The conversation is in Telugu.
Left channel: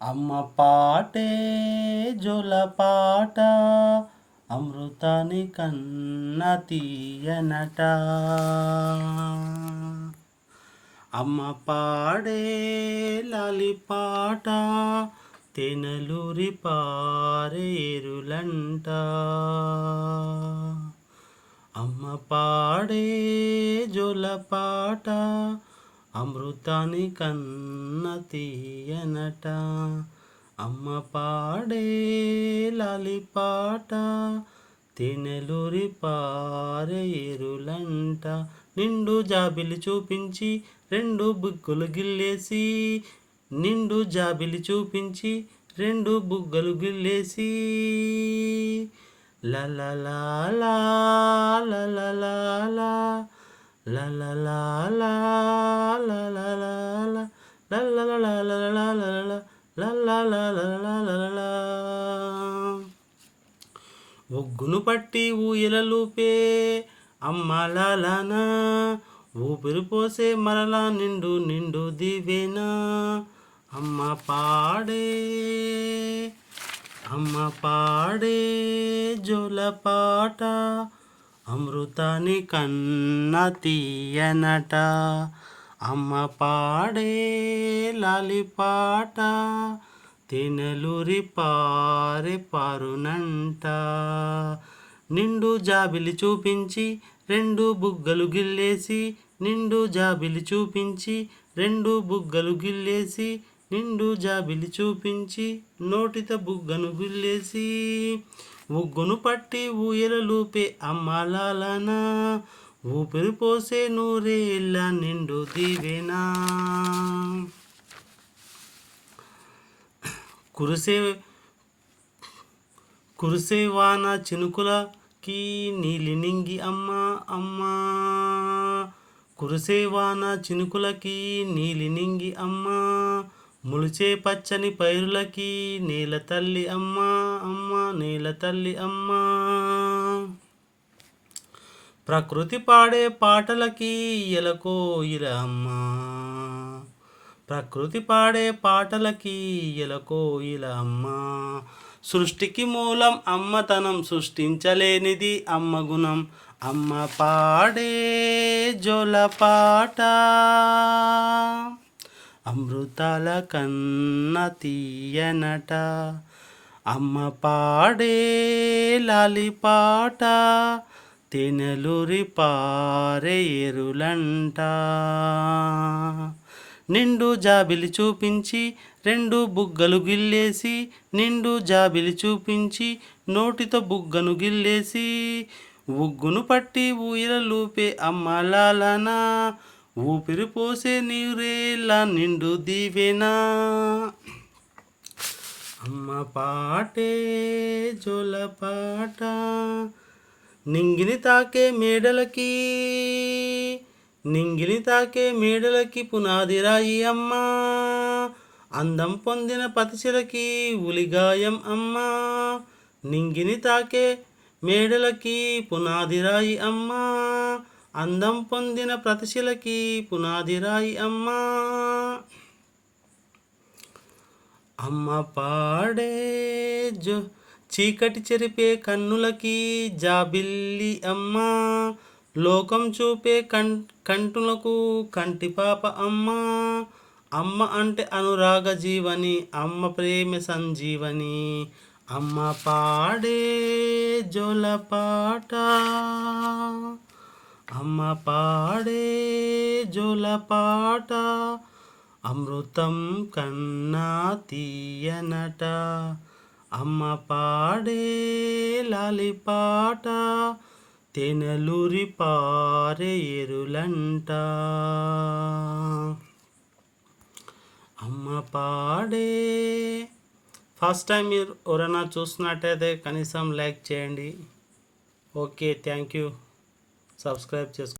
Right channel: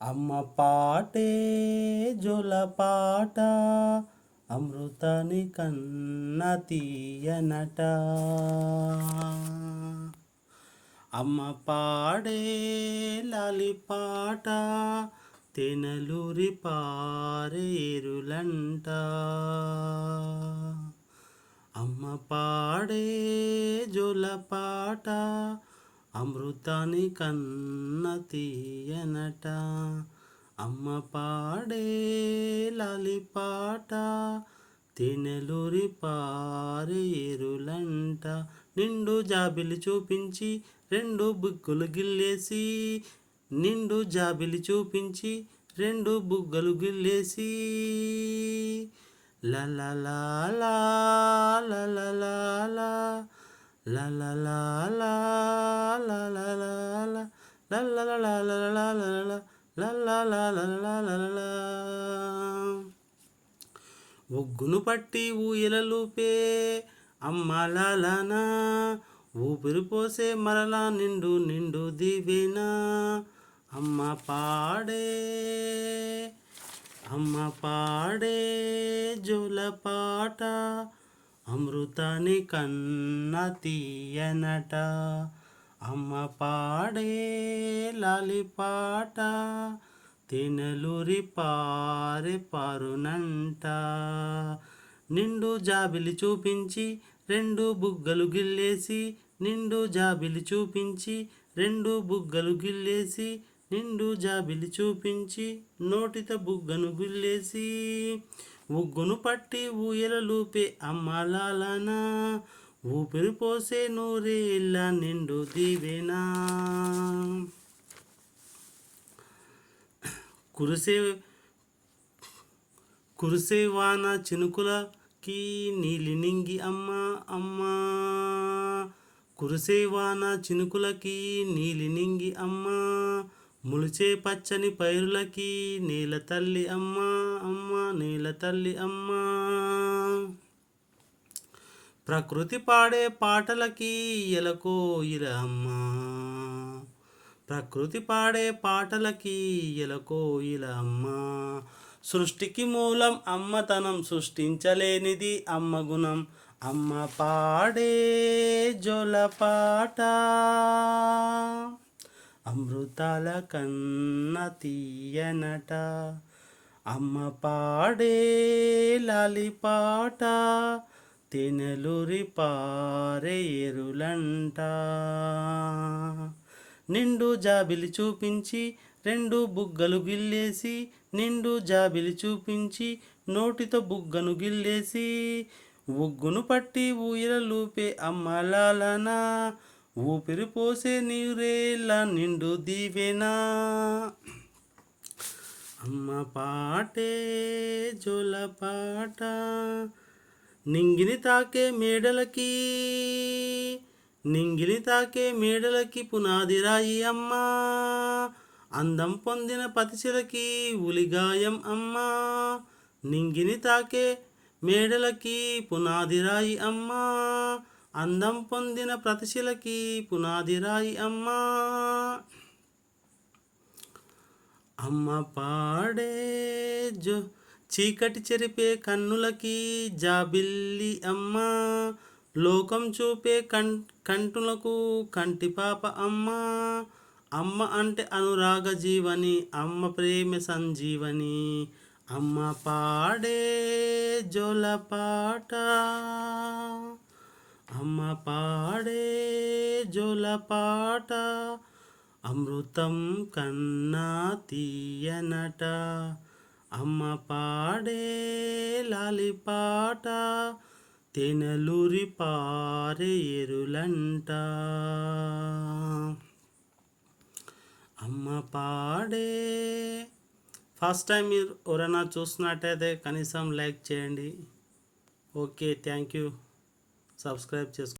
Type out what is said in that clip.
అమ్మ పాటే జోలపాట అమృతాని కన్న తీయనట. అమ్మ పాడే లాలిపాట తేనెలూరి పారేరులంట. అమ్మ పాడే జోలపాట అమృతాని కన్న తీయనట. అమ్మ పాడే లాలిపాట తేనెలూరి పారేరులంట. నిండు జాబిలి చూపించి రెండు బుగ్గలు గిల్లేసి, నిండు జాబిలి చూపించి రెండు బుగ్గలు గిల్లేసి, లలలాలా లలలాలా లలలాలా లలలాలా లలలాలా. ఒగ్గును పట్టి ఊయలలూపే అమ్మలాలనా, ఊపిరి పోసే మరలా నిండు నిండు దివేనా. అమ్మ పాడే జోలపాట అమృతాని కన్న తీయనట. అమ్మ పాడే లాలిపాట తేనెలూరి పారునంట. నిండు జాబిలి చూపించి రెండు బుగ్గలు గిల్లేసి, నిండు జాబిలి చూపించి రెండు బుగ్గలు గిల్లేసి, నిండు జాబిలి చూపించి నోటిత బుగ్గను గిల్లేసి, ఉగ్గును పట్టి ఊయలలూపే అమ్మలాలనా, ఊపిరి పోసే నూరేళ్ళ నిండు దివేనా. కురిసే వాన చినుకులకి నీలి నింగి అమ్మ అమ్మ, కురిసే వాన చినుకులకి నీలి నింగి అమ్మ, ములిచే పచ్చని పైరులకి నేల తల్లి అమ్మ అమ్మ, నేల తల్లి అమ్మ. ప్రకృతి పాడే పాటలకి ఎలకోయిల అమ్మ, ప్రకృతి పాడే పాటలకి ఎలకోయిల అమ్మ. సృష్టికి మూలం అమ్మతనం, సృష్టించలేనిది అమ్మ గుణం. అమ్మ పాడే జోలపాట అమృతాల కన్న తీయనట. అమ్మ పాడే లాలిపాట తేనెలూరి పారేరులంట. నిండు జాబిలి చూపించి రెండు బుగ్గలు గిల్లేసి, నిండు జాబిలి చూపించి నోటితో బుగ్గను గిల్లేసి, ఉగ్గును పట్టి ఊయలలూపే అమ్మలాలనా, ఊపిరి పోసే నీరేళ్ళ నిండు దివేనా. అమ్మ పాటే జోలపాట నింగిని తాకే మేడలకి, నింగిని తాకే మేడలకి పునాది రాయి అమ్మ, అందం పొందిన పతిశలకి ఉలిగాయం అమ్మ. నింగిని తాకే మేడలకి పునాది రాయి అమ్మ, అందం పొందిన ప్రతిశలకి పునాది రాయి అమ్మ. అమ్మ పాడే చీకటి చెరిపే కన్నులకి జాబిల్లి అమ్మ, లోకం చూపే కంటులకు కంటిపాప అమ్మ. అమ్మ అంటే అనురాగ జీవని, అమ్మ ప్రేమ సంజీవని. అమ్మ పాడే జోలపాట, అమ్మ పాడే జోలపాట అమృతం కన్నా తీయనట. అమ్మ పాడే లాలిపాట తేనెలూరి పారేరులంట. అమ్మ పాడే. ఫస్ట్ టైం మీరు ఎవరైనా చూస్తున్నట్టయితే కనీసం లైక్ చేయండి. Okay, thank you. సబ్స్క్రైబ్ చేసుకోండి.